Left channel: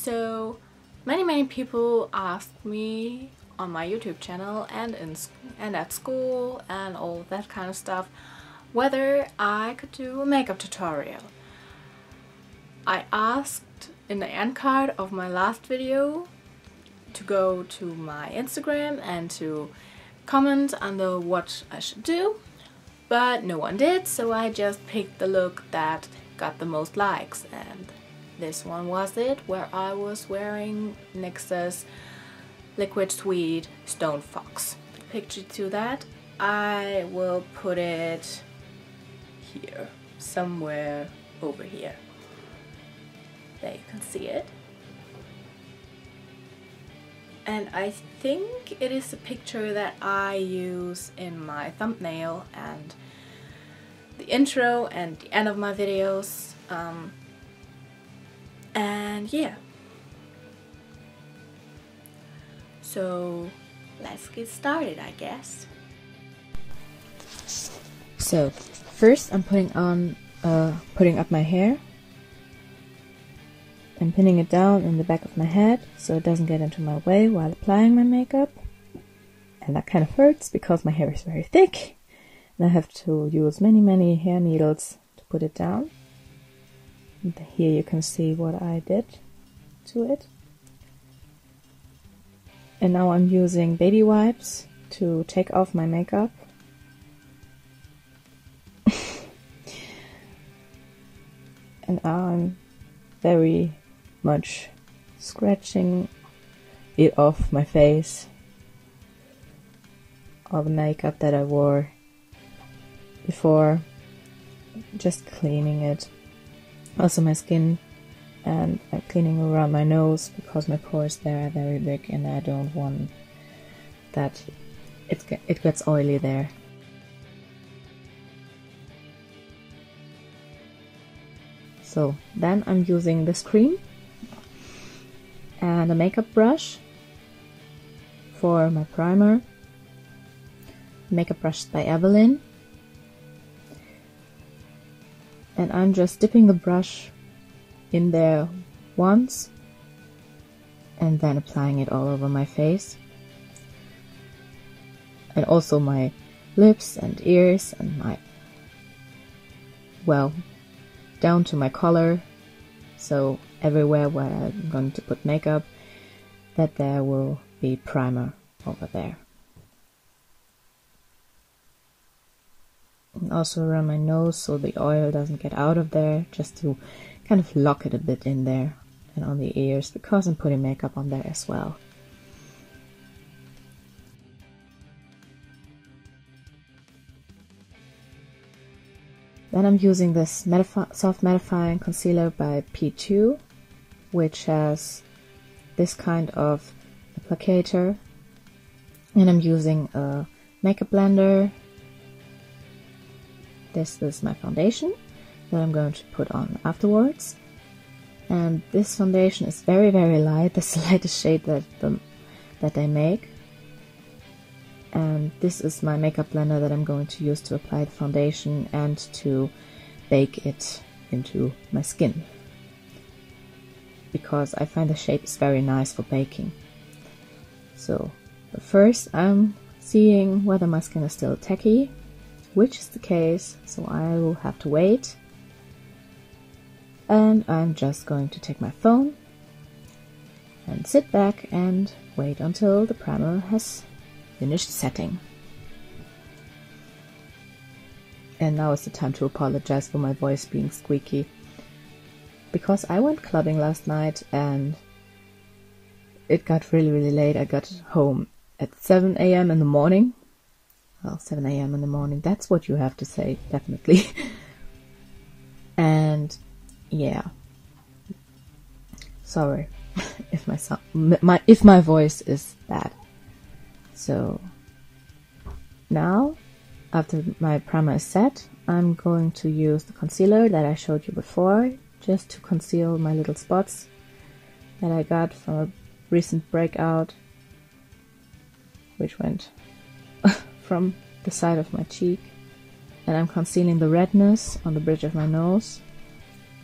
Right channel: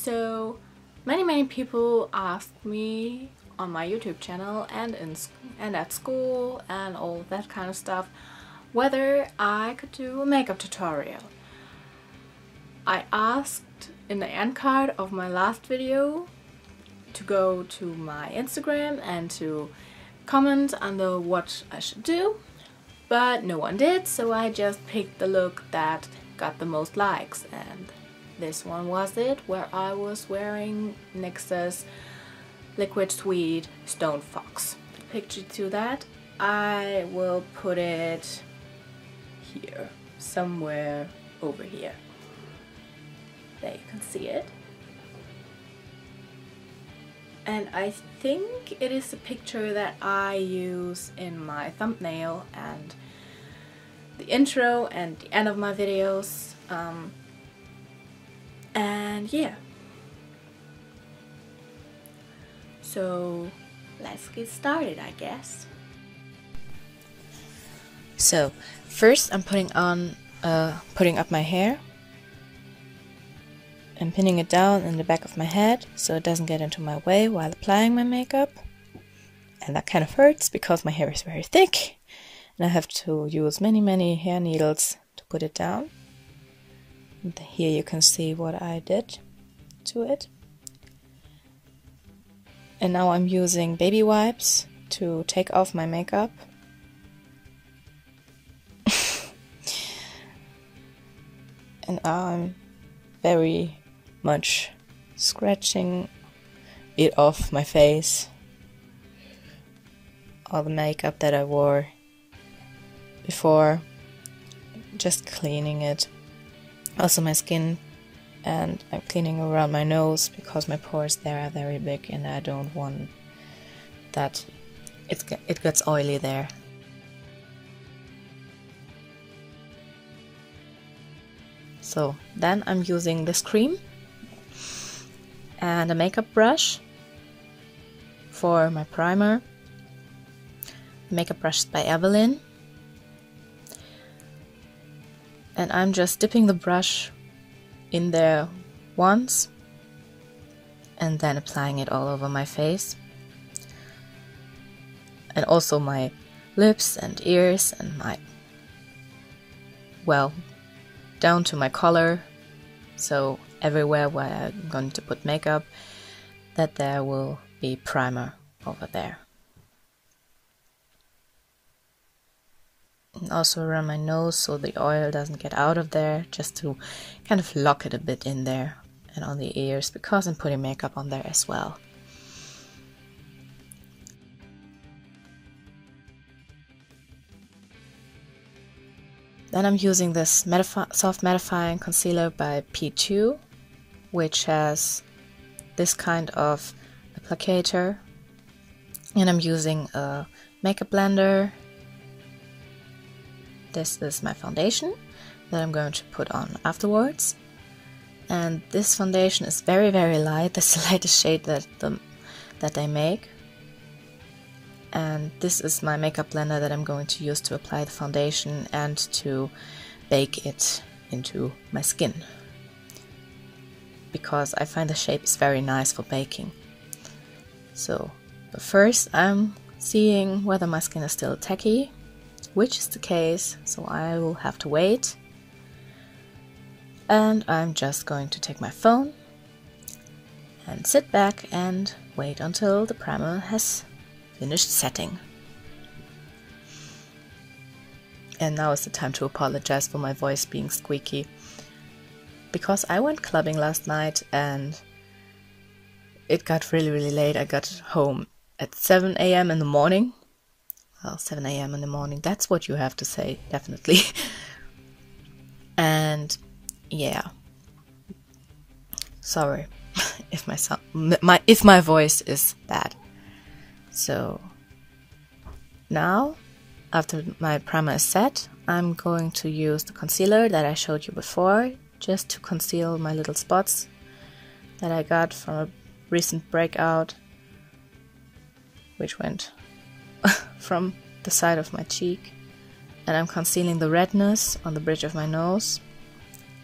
So many people ask me on my YouTube channel and at school and all that kind of stuff whether I could do a makeup tutorial. I asked in the end card of my last video to go to my Instagram and to comment under what I should do, but no one did, so I just picked the look that got the most likes, and this one was it, where I was wearing NYX's Liquid Sweet Stone Fox. The picture to that, I will put it here, somewhere over here. There you can see it. And I think it is the picture that I use in my thumbnail and the intro and the end of my videos. And yeah. So let's get started, I guess. So first I'm putting up my hair. I'm pinning it down in the back of my head so it doesn't get into my way while applying my makeup. And that kind of hurts because my hair is very thick and I have to use many hair needles to put it down. And here you can see what I did to it. And now I'm using baby wipes to take off my makeup. And I'm very much scratching it off my face, all the makeup that I wore before, just cleaning it. Also my skin, and I'm cleaning around my nose because my pores there are very big and I don't want that it gets oily there. So then I'm using this cream and a makeup brush for my primer. Makeup brush by Evelyn. And I'm just dipping the brush in there once and then applying it all over my face. And also my lips and ears and my, well, down to my collar. So everywhere where I'm going to put makeup, that there will be primer over there. And also around my nose so the oil doesn't get out of there, just to kind of lock it a bit in there, and on the ears because I'm putting makeup on there as well. Then I'm using this soft mattifying concealer by P2, which has this kind of applicator, and I'm using a makeup blender. This is my foundation that I'm going to put on afterwards, and this foundation is very light. This is the lightest shade that they make, and this is my makeup blender that I'm going to use to apply the foundation and to bake it into my skin, because I find the shape is very nice for baking. So, but first I'm seeing whether my skin is still tacky, which is the case, so I will have to wait. And I'm just going to take my phone and sit back and wait until the primer has finished setting. And now is the time to apologize for my voice being squeaky, because I went clubbing last night and it got really late. I got home at 7 AM in the morning. Well, 7 AM in the morning, that's what you have to say, definitely. And yeah, sorry if my voice is bad. So now, after my primer is set, I'm going to use the concealer that I showed you before, just to conceal my little spots that I got from a recent breakout, which went from the side of my cheek. And I'm concealing the redness on the bridge of my nose,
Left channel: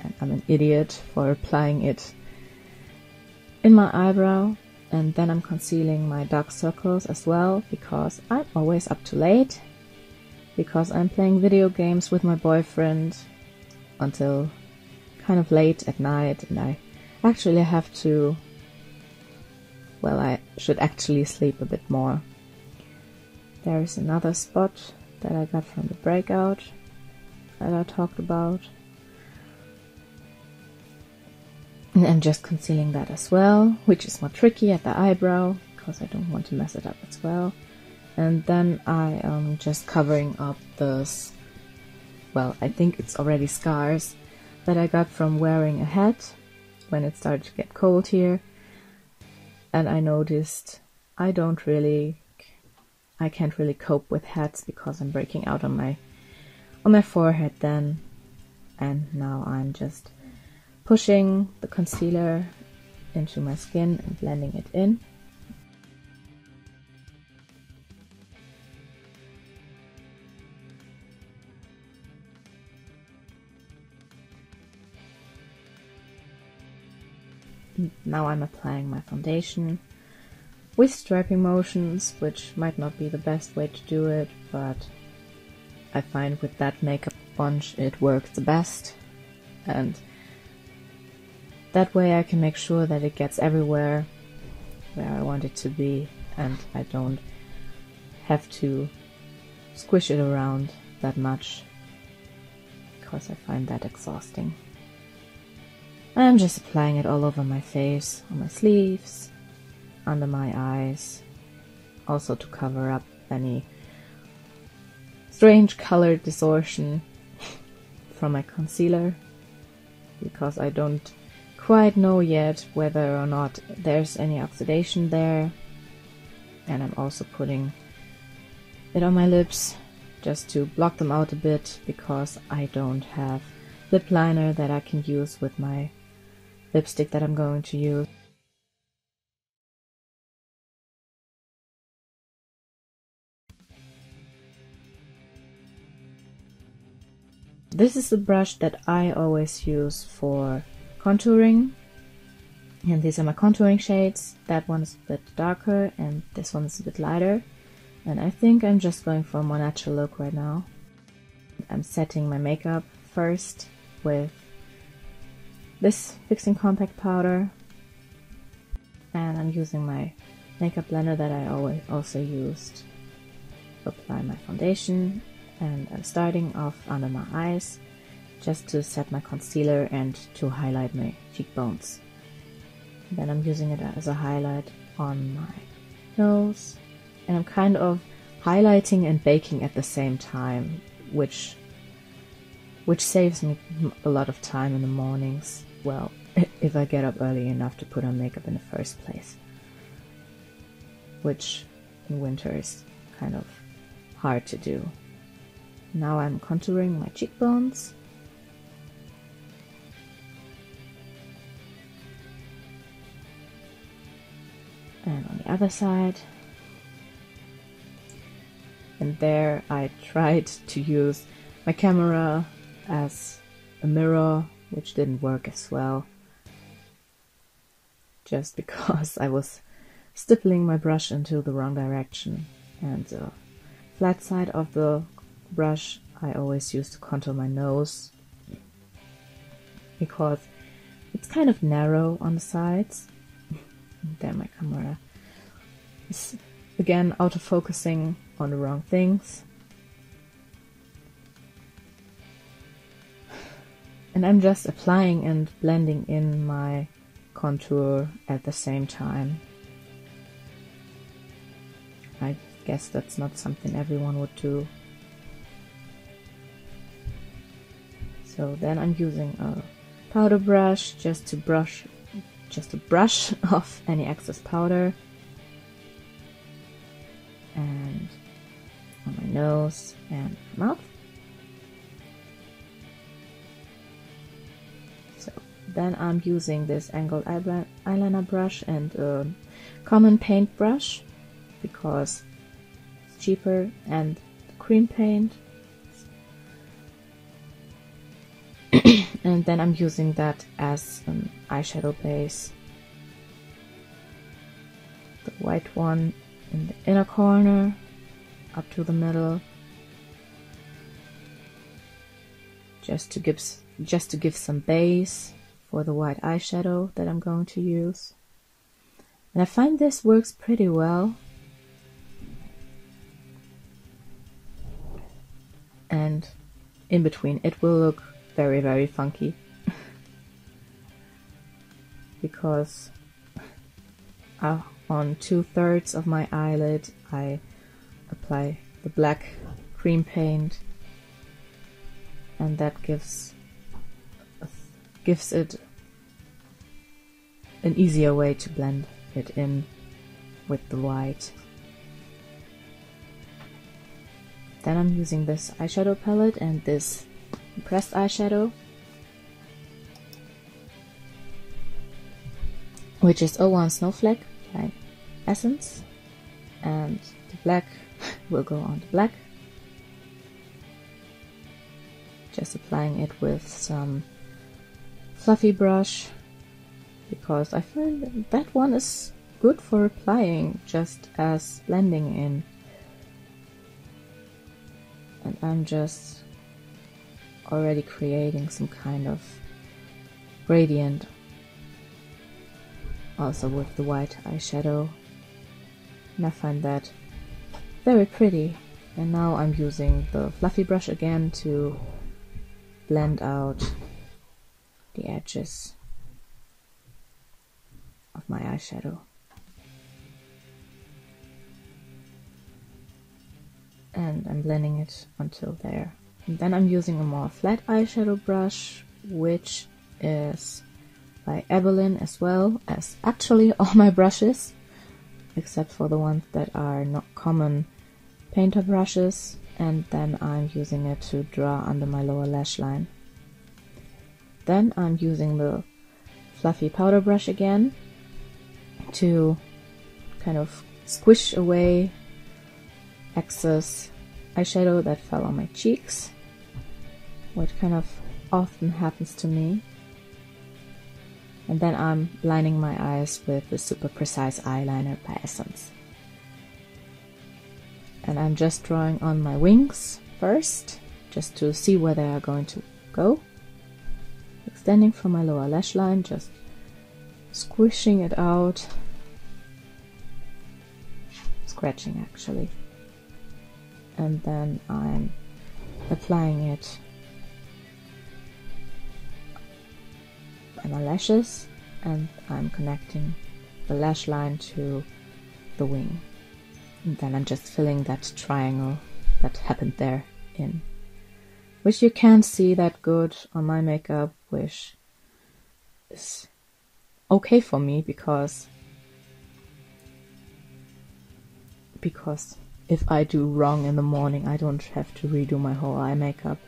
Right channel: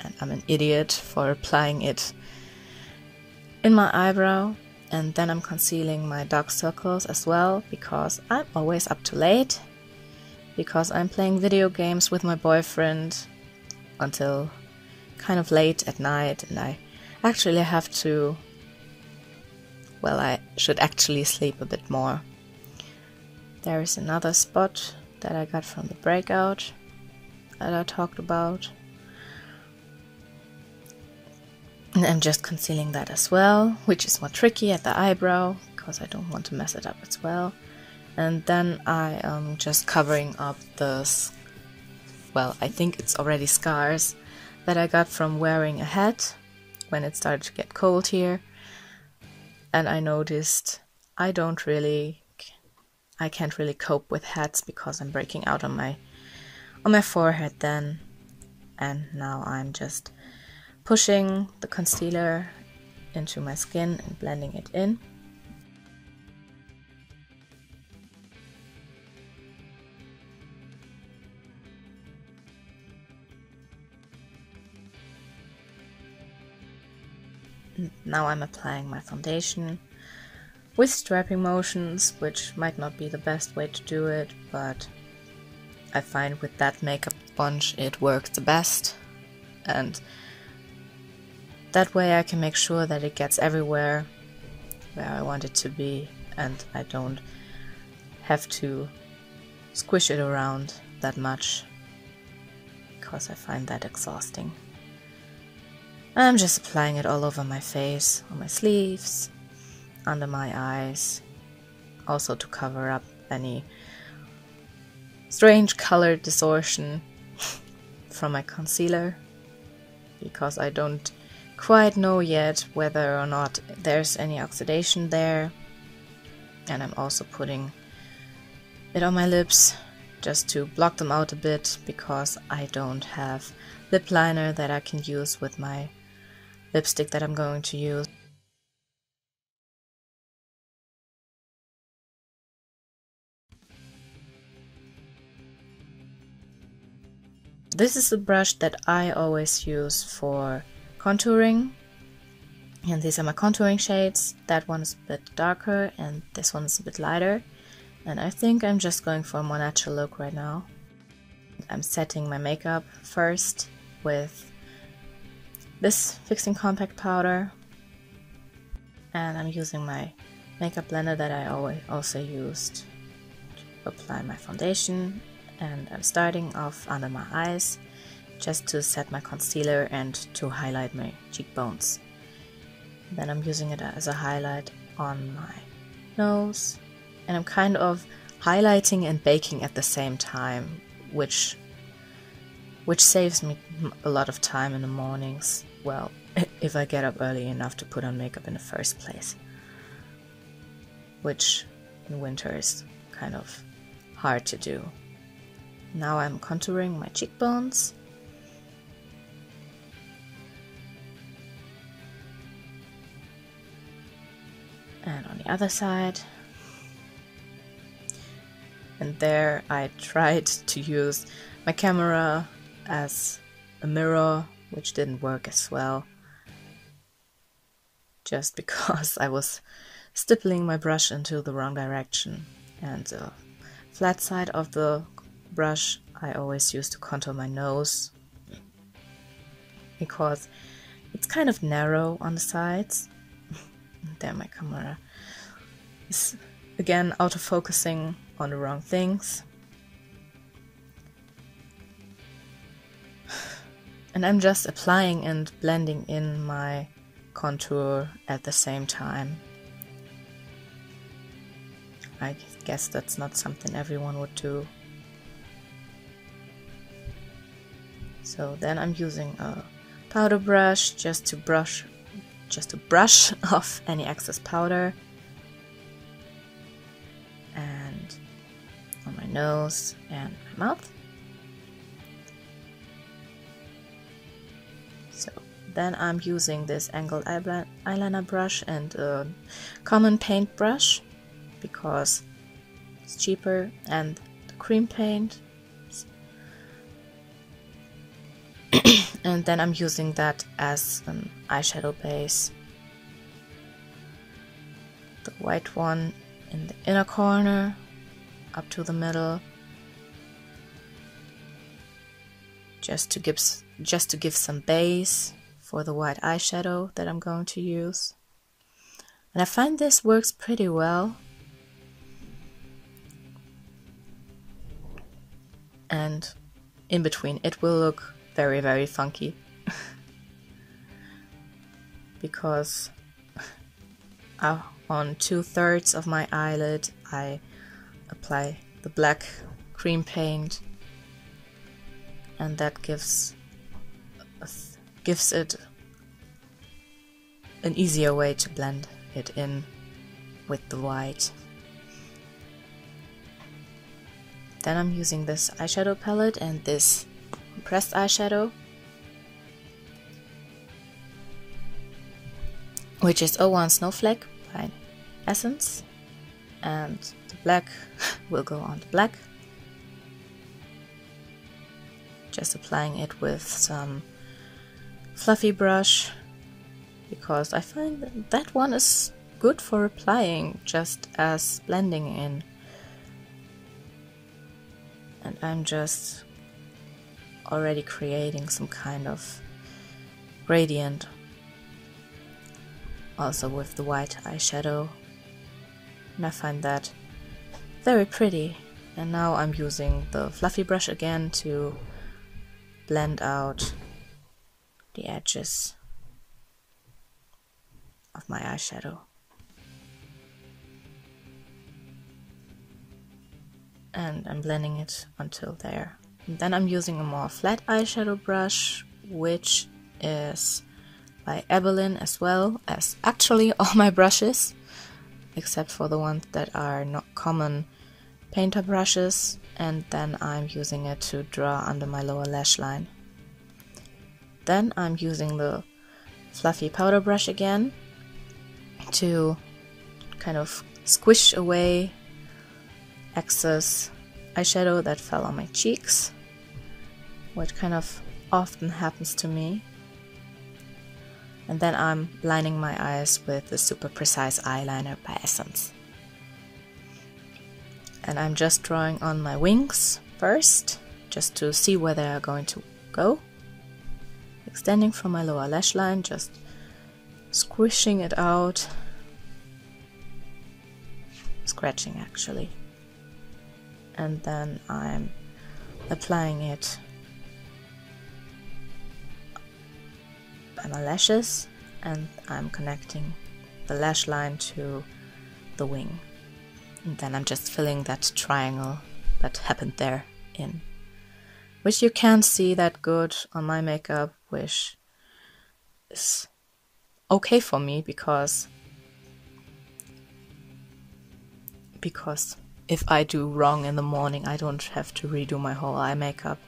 and I'm an idiot for applying it in my eyebrow, and then I'm concealing my dark circles as well, because I'm always up too late, because I'm playing video games with my boyfriend until kind of late at night, and I actually have to, well, I should actually sleep a bit more. There is another spot that I got from the breakout that I talked about. And I'm just concealing that as well, which is more tricky at the eyebrow, because I don't want to mess it up as well. And then I am just covering up the, well, I think it's already scars that I got from wearing a hat when it started to get cold here. And I noticed I can't really cope with hats because I'm breaking out on my forehead then. And now I'm just pushing the concealer into my skin and blending it in. And now I'm applying my foundation with strapping motions, which might not be the best way to do it, but I find with that makeup sponge it works the best. And that way I can make sure that it gets everywhere where I want it to be, and I don't have to squish it around that much, because I find that exhausting. I'm just applying it all over my face, on my sleeves, under my eyes, also to cover up any strange color distortion from my concealer, because I don't quite know yet whether or not there's any oxidation there. And I'm also putting it on my lips just to block them out a bit, because I don't have lip liner that I can use with my lipstick that I'm going to use. This is the brush that I always use for contouring, and these are my contouring shades. That one's a bit darker and this one's a bit lighter, and I think I'm just going for a more natural look right now. I'm setting my makeup first with this fixing compact powder, and I'm using my makeup blender that I always also used to apply my foundation, and I'm starting off under my eyes just to set my concealer and to highlight my cheekbones. Then I'm using it as a highlight on my nose, and I'm kind of highlighting and baking at the same time, which saves me a lot of time in the mornings. Well, if I get up early enough to put on makeup in the first place, which in winter is kind of hard to do. Now I'm contouring my cheekbones. And on the other side. And there I tried to use my camera as a mirror, which didn't work as well, just because I was stippling my brush into the wrong direction, and the flat side of the brush I always use to contour my nose, because it's kind of narrow on the sides. There my camera is again auto-focusing on the wrong things. And I'm just applying and blending in my contour at the same time. I guess that's not something everyone would do. So then I'm using a powder brush just to brush off any excess powder. And on my nose and my mouth. So then I'm using this angled eyeliner brush and a common paint brush, because it's cheaper, and the cream paint. And then I'm using that as an eyeshadow base. white one in the inner corner up to the middle, just to give some base for the white eyeshadow that I'm going to use. And I find this works pretty well. And in between it will look very, very funky because on 2/3 of my eyelid I apply the black cream paint, and that gives it an easier way to blend it in with the white. Then I'm using this eyeshadow palette and this pressed eyeshadow, which is 01 Snowflake by Essence, and the black will go on the black. Just applying it with some fluffy brush, because I find that one is good for applying just as blending in. And I'm just already creating some kind of gradient also with the white eyeshadow, and I find that very pretty. And now I'm using the fluffy brush again to blend out the edges of my eyeshadow. And I'm blending it until there. And then I'm using a more flat eyeshadow brush, which is by Evelyn, as well as actually all my brushes, except for the ones that are not common painter brushes. And then I'm using it to draw under my lower lash line. Then I'm using the fluffy powder brush again to kind of squish away excess eyeshadow that fell on my cheeks, which kind of often happens to me. And then I'm lining my eyes with the Super Precise Eyeliner by Essence. And I'm just drawing on my wings first, just to see where they are going to go. Extending from my lower lash line, just squishing it out. Scratching actually. And then I'm applying it on my lashes, and I'm connecting the lash line to the wing. And then I'm just filling that triangle that happened there in, which you can't see that good on my makeup, which is okay for me because if I do wrong in the morning, I don't have to redo my whole eye makeup,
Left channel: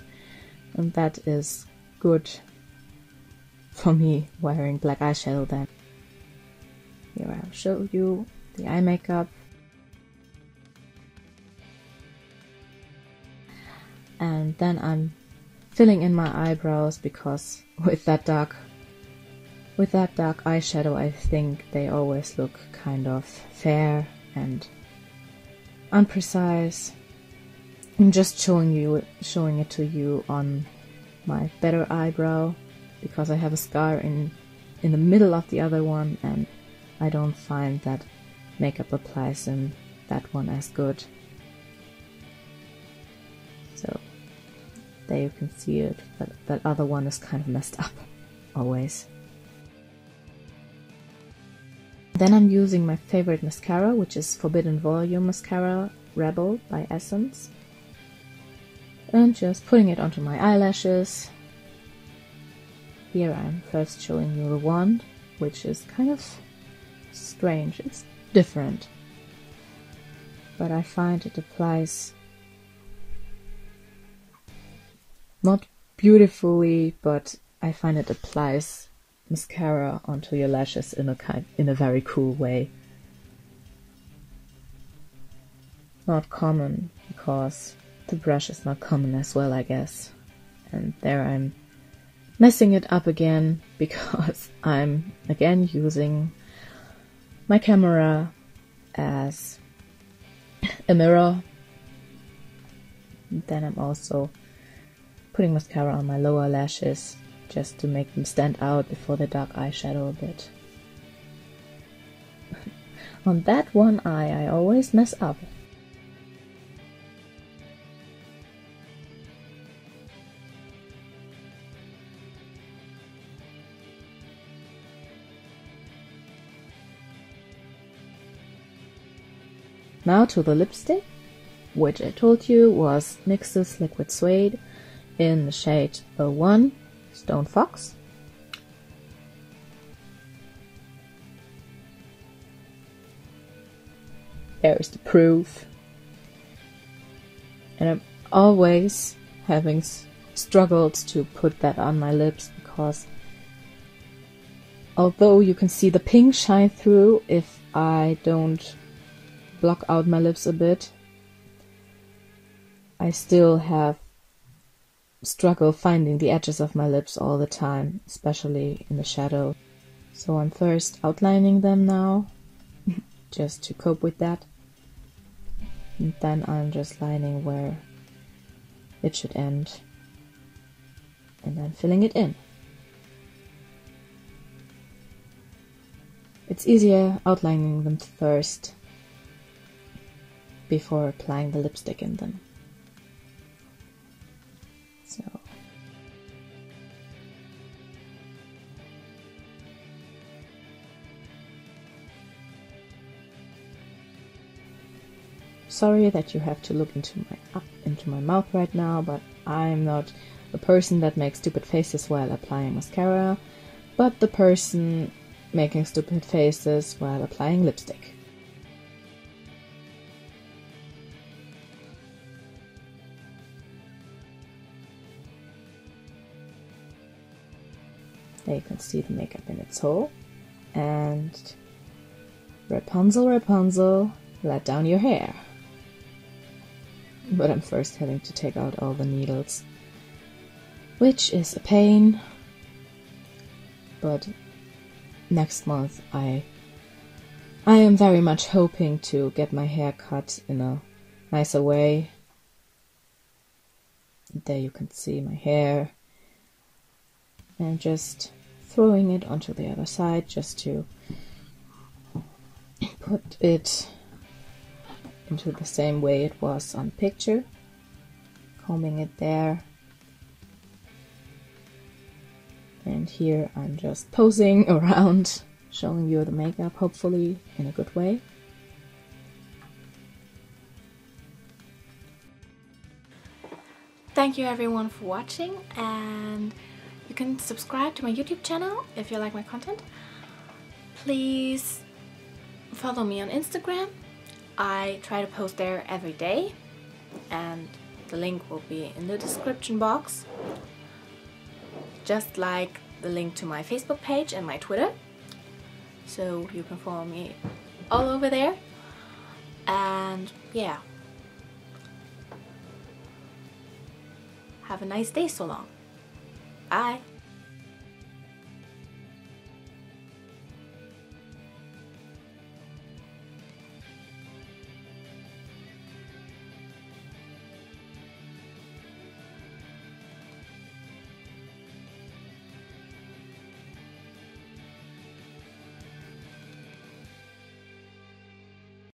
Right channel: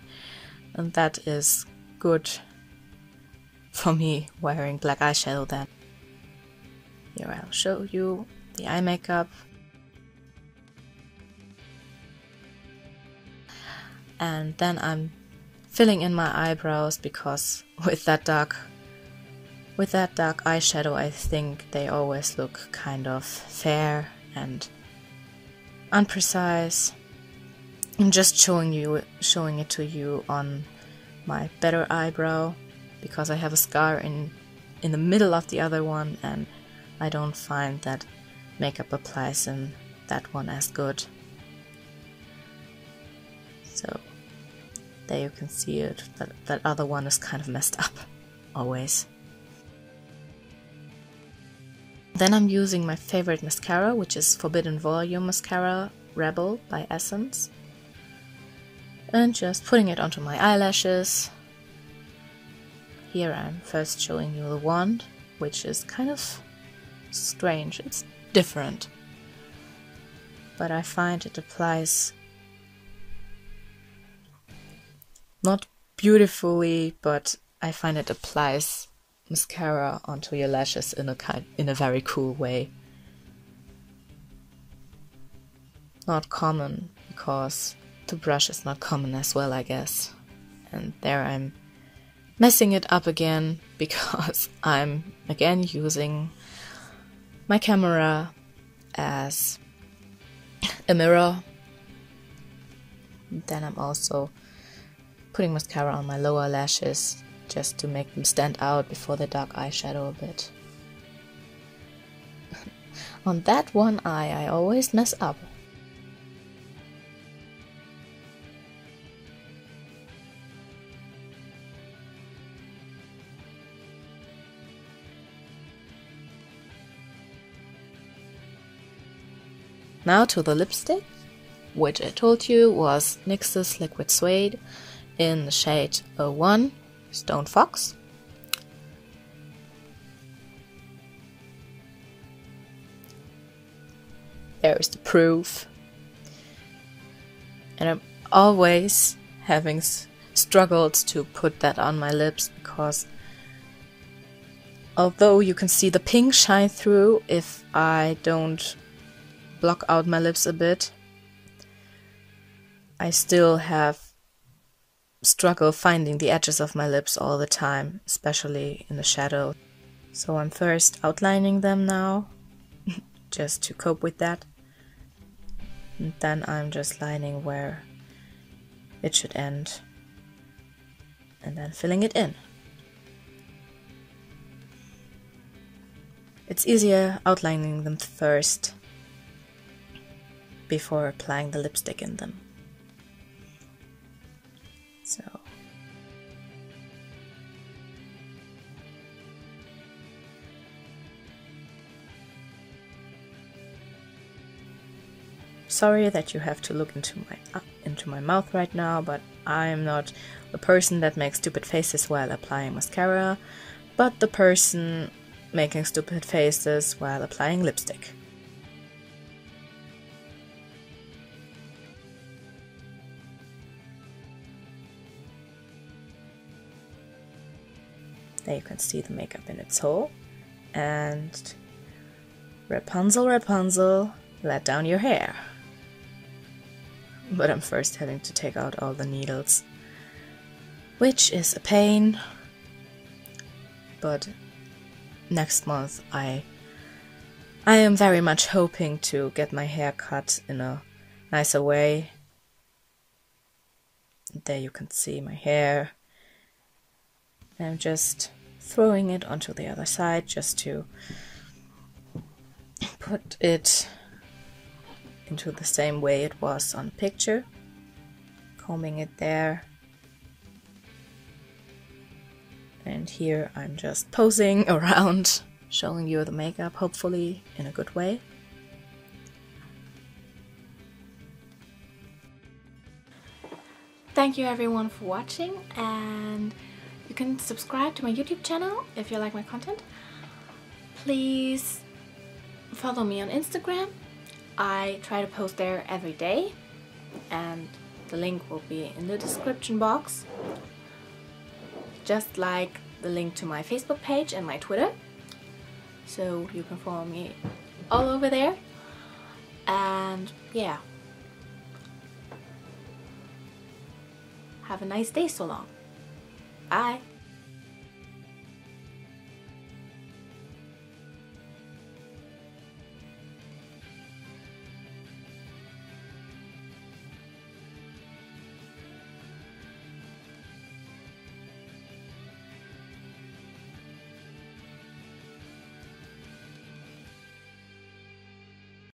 and that is good for me wearing black eyeshadow then. Here I'll show you the eye makeup. And then I'm filling in my eyebrows, because with that dark eyeshadow I think they always look kind of fair and unprecise. I'm just showing it to you on my better eyebrow, because I have a scar in the middle of the other one, and I don't find that makeup applies in that one as good. So there you can see it, that other one is kind of messed up always. Then I'm using my favorite mascara, which is Forbidden Volume Mascara Rebel by Essence, and just putting it onto my eyelashes. Here I'm first showing you the wand, which is kind of strange, it's different, but I find it applies not beautifully, but I find it applies mascara onto your lashes in a very cool way. Not common, because the brush is not common as well, I guess. And there I'm messing it up again, because I'm again using my camera as a mirror. And then I'm also putting mascara on my lower lashes just to make them stand out before the dark eyeshadow a bit. On that one eye I always mess up. Now to the lipstick, which I told you was NYX's Liquid Suede in the shade 01, Stone Fox. There is the proof. And I'm always having struggled to put that on my lips because although you can see the pink shine through if I don't block out my lips a bit, I still have struggle finding the edges of my lips all the time, especially in the shadow. So I'm first outlining them now, just to cope with that. And then I'm just lining where it should end, and then filling it in. It's easier outlining them first before applying the lipstick in them. So sorry that you have to look into my mouth right now, but I'm not the person that makes stupid faces while applying mascara, but the person making stupid faces while applying lipstick. There you can see the makeup in its whole. And Rapunzel, Rapunzel, let down your hair. But I'm first having to take out all the needles, which is a pain. But next month I am very much hoping to get my hair cut in a nicer way. There you can see my hair. I'm just throwing it onto the other side just to put it into the same way it was on picture. Combing it there. And here I'm just posing around, showing you the makeup, hopefully in a good way. Thank you everyone for watching, and you can subscribe to my YouTube channel if you like my content. Please follow me on Instagram. I try to post there every day, and the link will be in the description box, just like the link to my Facebook page and my Twitter, so you can follow me all over there. And yeah, have a nice day so long. Bye.